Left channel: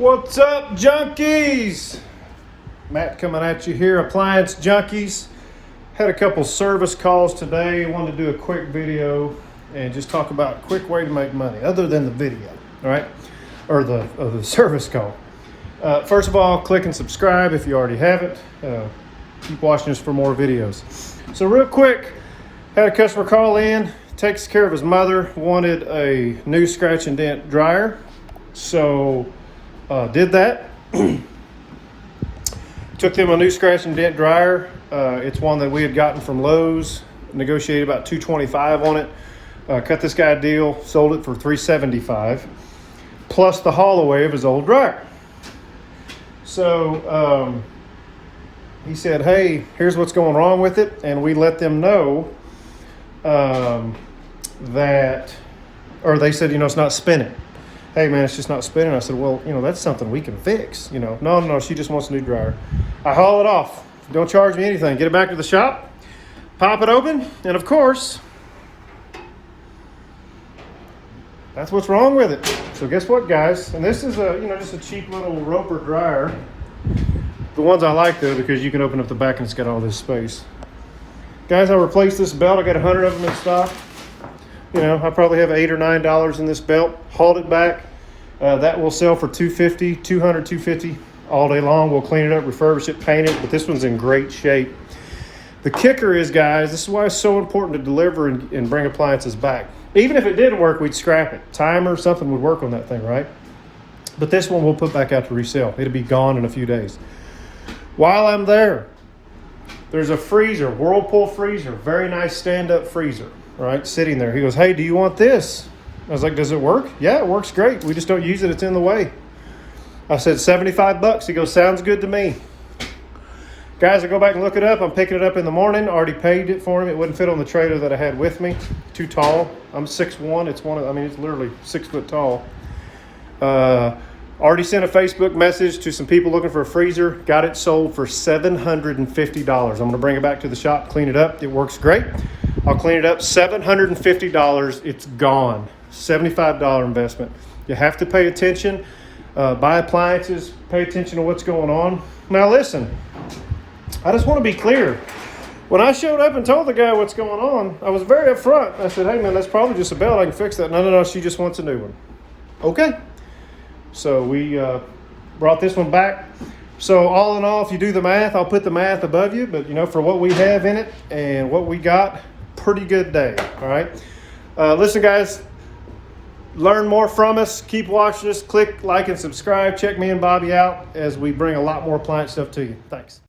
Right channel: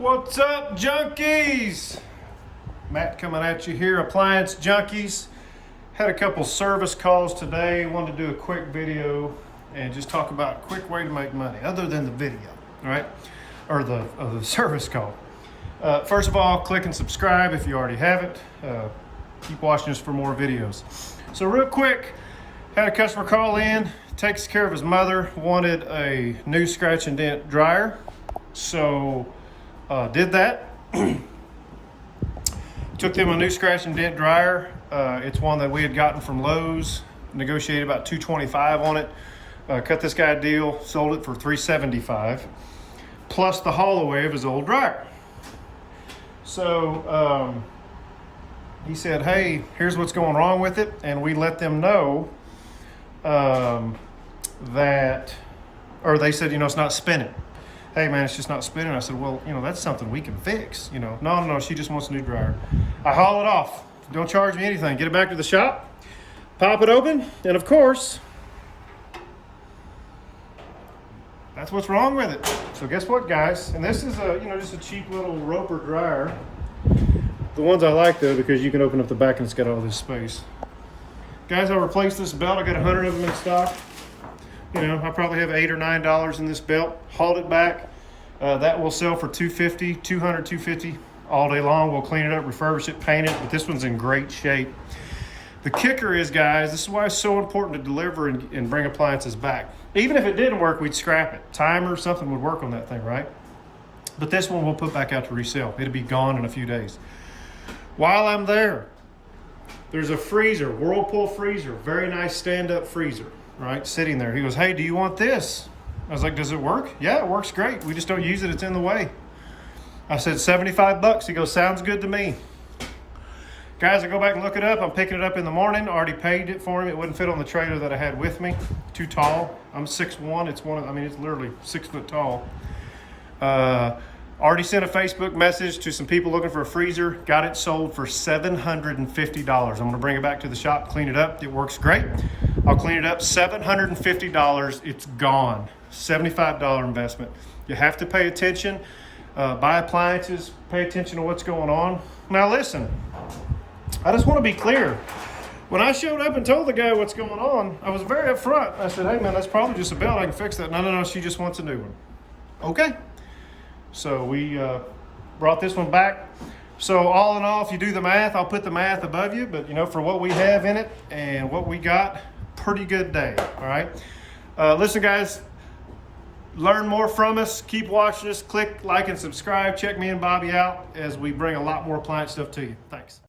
What's up, junkies? Matt coming at you here, appliance junkies. Had a couple service calls today. Wanted to do a quick video and just talk about a quick way to make money other than the video, all right? Or the service call. First of all, click and subscribe if you already haven't. Keep watching us for more videos. So real quick, had a customer call in, takes care of his mother, wanted a new scratch and dent dryer. So did that. Took them a new scratch and dent dryer. It's one that we had gotten from Lowe's, negotiated about $225 on it. Cut this guy a deal, sold it for $375, plus the haul away of his old dryer. So he said, hey, here's what's going wrong with it. And we let them know that, or they said, it's not spinning. Hey man, it's just not spinning. I said, well, that's something we can fix. No, she just wants a new dryer. I haul it off. Don't charge me anything. Get it back to the shop, pop it open, and of course, that's what's wrong with it. So guess what, guys? And this is just a cheap little Roper dryer. The ones I like though, because you can open up the back and it's got all this space. Guys, I replaced this belt. I got 100 of them in stock. I probably have $8 or $9 in this belt. Hauled it back. That will sell for $250, $200, $250 all day long. We'll clean it up, refurbish it, paint it, but this one's in great shape. The kicker is, guys, this is why it's so important to deliver and bring appliances back. Even if it didn't work, we'd scrap it. Timer, something would work on that thing, right? But this one we'll put back out to resell. It'll be gone in a few days. While I'm there, there's a freezer, Whirlpool freezer, very nice stand-up freezer, right? Sitting there. He goes, hey, do you want this? I was like, does it work? Yeah, it works great. We just don't use it. It's in the way. I said, $75. He goes, sounds good to me. Guys, I go back and look it up. I'm picking it up in the morning. Already paid it for him. It wouldn't fit on the trailer that I had with me. Too tall. I'm 6'1". It's it's literally 6 foot tall. Already sent a Facebook message to some people looking for a freezer. Got it sold for $750. I'm going to bring it back to the shop, clean it up. It works great. I'll clean it up. $750. It's gone. $75 investment. You have to pay attention. Buy appliances. Pay attention to what's going on. Now listen, I just want to be clear. When I showed up and told the guy what's going on, I was very upfront. I said, hey man, that's probably just a belt. I can fix that. No, she just wants a new one. Okay. So we brought this one back. So all in all, if you do the math, I'll put the math above you, but for what we have in it and what we got, pretty good day. All right. Listen, guys, learn more from us. Keep watching us. Click like and subscribe. Check me and Bobby out as we bring a lot more appliance stuff to you. Thanks.